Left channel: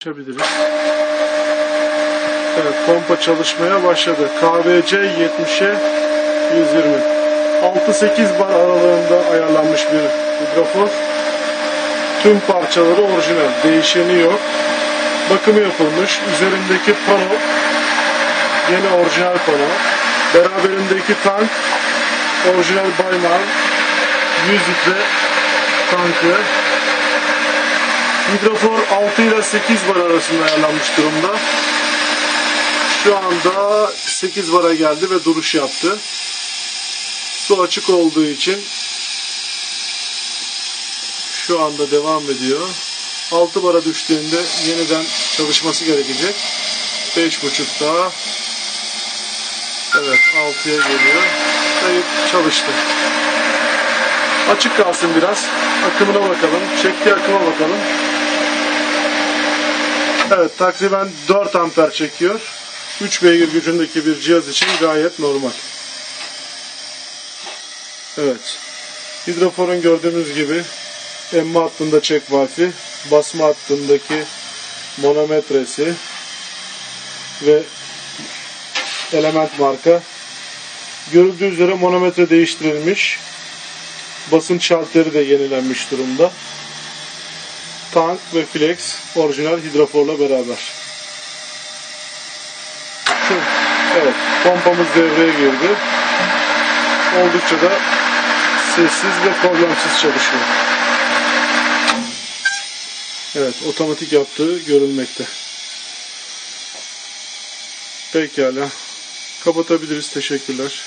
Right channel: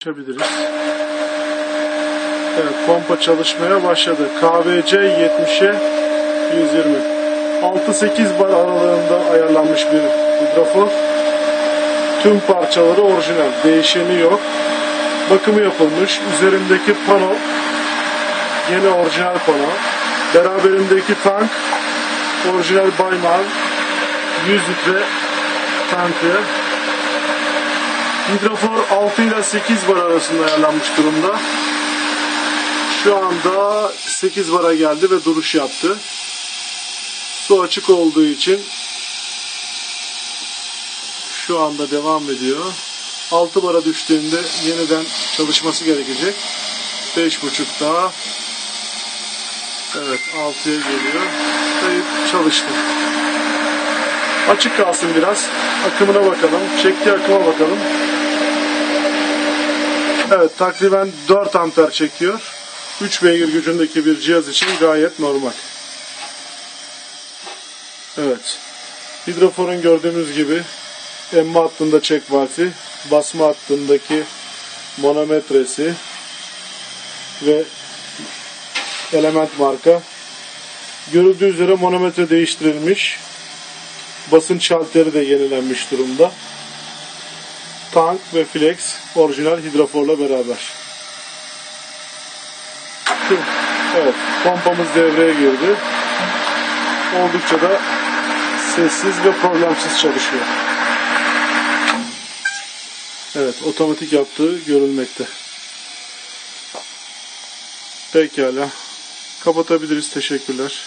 Açabiliriz. Evet, pompa çalışmaya başladı. KVC 70'e 120. 6-8 bar aralığında ayarlanmış bir hidrofor. Tüm parçaları orijinal. Değişeni yok. Bakımı yapılmış. Üzerindeki pano yine orijinal pano. Beraberindeki tank orijinal Bayman 100 litre tankı. Hidrofor 6 ile 8 bar arasında ayarlanmış durumda. Şu anda 8 bara geldi ve duruş yaptı. Su açık olduğu için şu anda devam ediyor. 6 bara düştüğünde yeniden çalışması gerekecek. 5.5 daha. Evet, 6'ya geliyor. Kayıp çalıştı. Açık kalsın biraz. Akımına bakalım. Çektiği akıma bakalım. Evet, takriben 4 amper çekiyor. 3 beygir gücündeki bir cihaz için gayet normal. Evet. Hidroforun gördüğümüz gibi emme hattında çek valfi, basma hattındaki manometresi ve element marka. Görüldüğü üzere manometre değiştirilmiş. Basınç şalteri de yenilenmiş durumda. Tank ve flex orijinal hidroforla beraber. Evet, pompamız devreye girdi. Oldukça da sessiz ve problemsiz çalışıyor. Evet, otomatik yaptığı görülmekte. Pekala. Kapatabiliriz. Teşekkürler.